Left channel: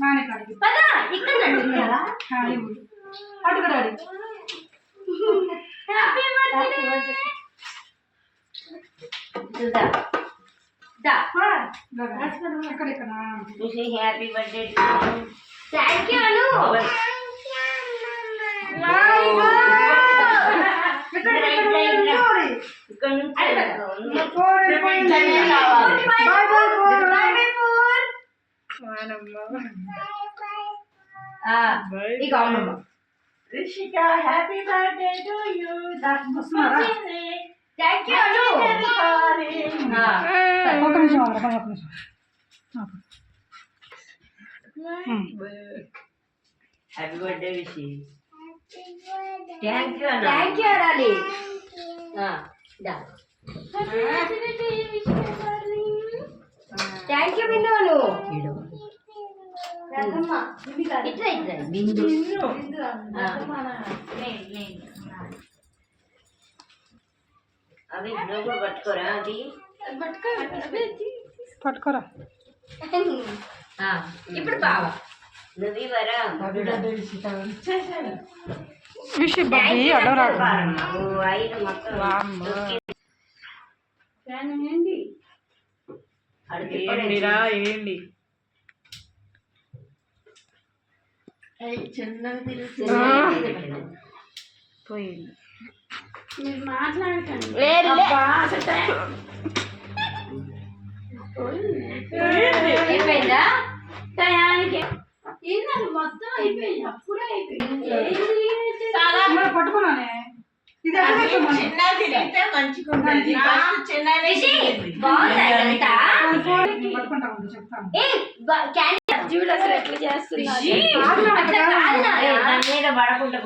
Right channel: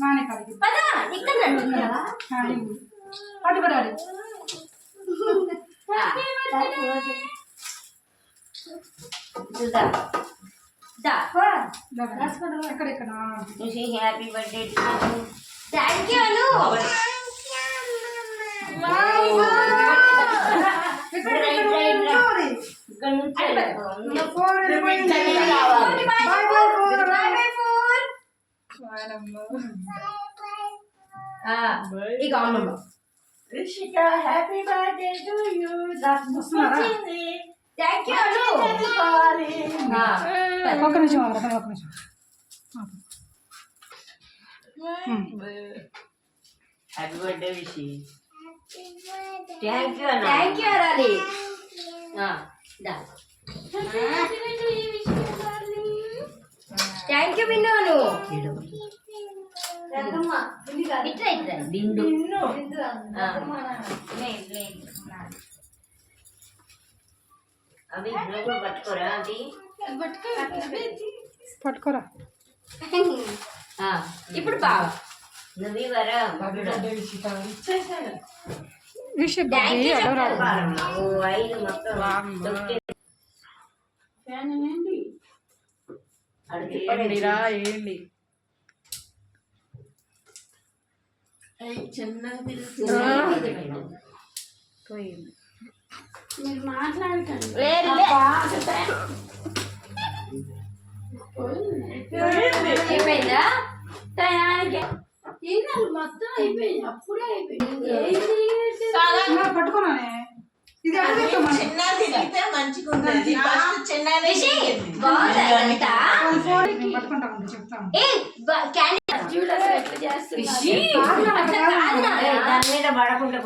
నానే కాడికి పదా ఇక్కడ నడుస్తున్నారా అటుకురాడి చూద్దా దా అక్కడ ఇక్కడ హ్యాపీ బర్త్డే థ్యాంక్ యూ అను ఇక అమ్మమ్మ Rishika happy birthday to you thank you అను ఒక్క నిమిషం ఒక్క నిమిషం happy birthday Vishi thank you అనాలి థ్యాంక్ యూ బిందు ఇట్లా ఇట్లా బిందు అవి నువ్వు పట్టుకోరా అది పట్టుకోరా ఇప్పుడు బావా నువ్వు వరా విషయం బాబీ అడవరాడు ఐదు మొత్తం ఫ్యాన్ ఏంటి ఏంటి పోయింది మీరు మాట్లాడకండి అయిపోయిందా టయానికి తిన్నారు మొత్తం అయిపోయింది అప్పుడే అయిపోయింది పట్టుకున్నానే ఇది చిన్న తిరిగితే మంచిగా ఉంటుంది పట్టుకుంటాను చెప్తాను చూడు అసలు ఎట్లా చేస్తున్నారు దాని మీద పడకుండా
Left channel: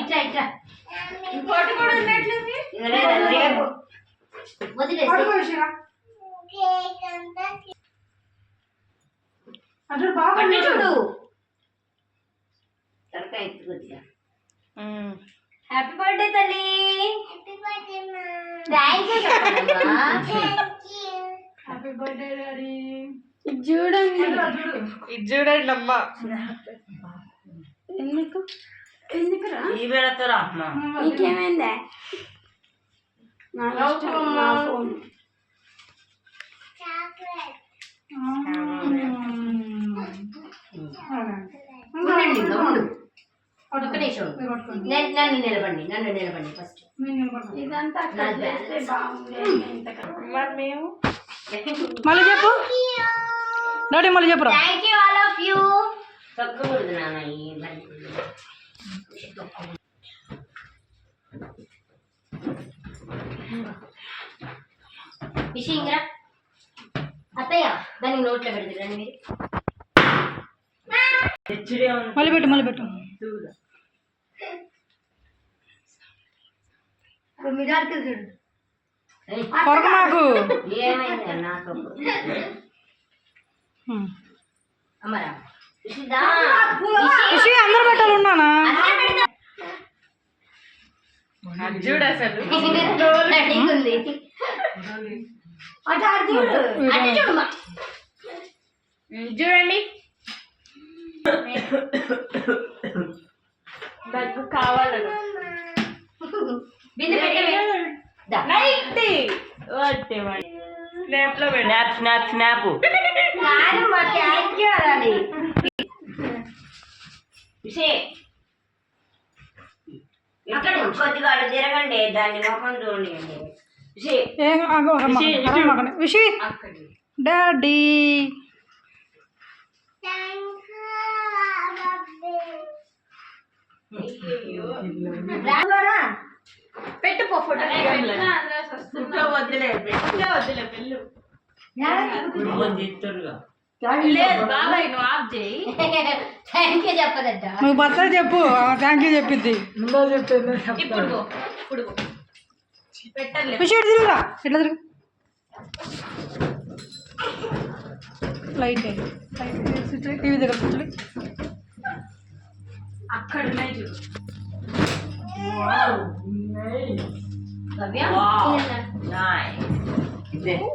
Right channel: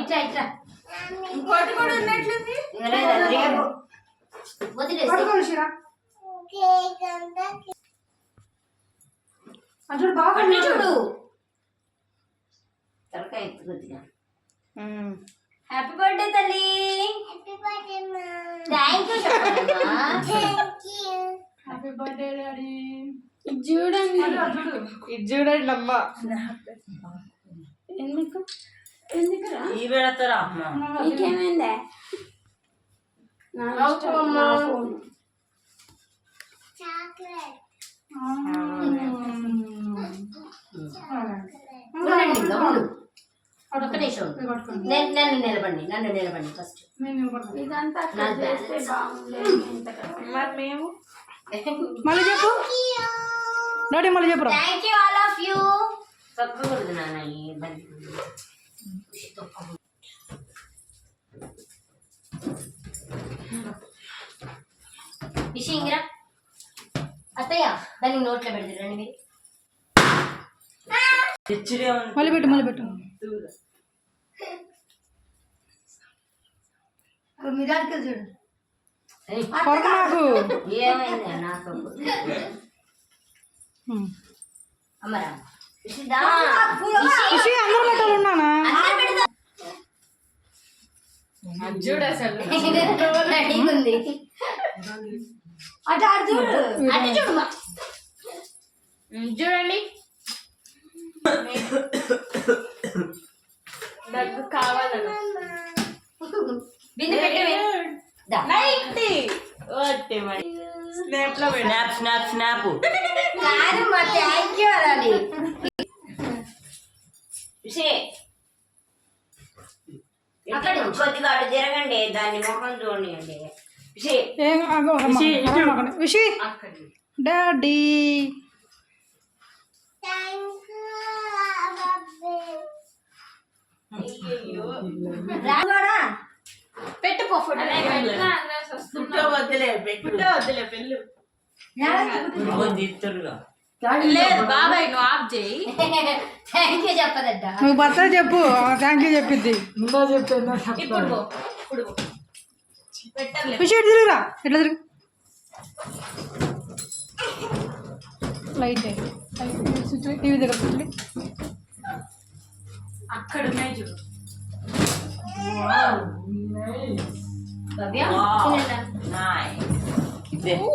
ఇట్లా ఇట్లా ఇంకోటి కూడా ఉన్నట్లుంది రేపు వదిలేసి అటు బాగా చూడు తలకాయ ఎత్తు కొద్దిగా హ్యాపీ బర్త్డే తల్లి thank you happy birthday daddy చూడండి ఇది చూడండి అమ్మ ఎందుకురా ఈ వెళతారా అమ్మ నీకేమైందా ఉండండి ఉండు ఒక్క నిమిషం నన్ను నిలబండి ఫస్ట్ ఇదంతా చేస్తే బాగుండేది మేము మళ్ళీ చెప్పు డాడీ మళ్ళీ చెప్పురా thank you all of you తొక్కకూడదు నాన్న ఈ బండి విషయంగా అత్తయ్య దాన్ని నోట్లో పెడతారు రండి మీరు మళ్ళీ పెట్టు మిరాకిల్ చూడు కొరక మాకు ఏమైంది నాకు అమ్మరా విషయం అందరూ పెట్టాలి ఉన్నానా చూడు అసలు ఉంది అటు అటు చూడు చూడండి నాకు కావాలని బిందు పెట్టే స్నాప్ థ్యాంక్ యూ అనాలి అక్కడ కొద్దిగా అటు తిరగండి దాన్ని ముఖం చూడండి విషి డాడీ పెట్టుకో ఫోటో వద్దులే పెళ్ళు లేదు బాబాయ్ నువ్వు ఆఫ్ చేయి థ్యాంక్ యూ చెప్పదట నువ్వు భర్త చెప్పు థ్యాంక్ యూ చెప్పింది ఇప్పుడు పెట్టర్లే విషయం తిరుగురా ఎట్లా తిరుగు లైట్ స్విచ్ టీవీ దగ్గర స్విచ్ అక్కడ ఉన్నాయి చూడు. భవ్య Wow. తినండి. Nice. ఊ.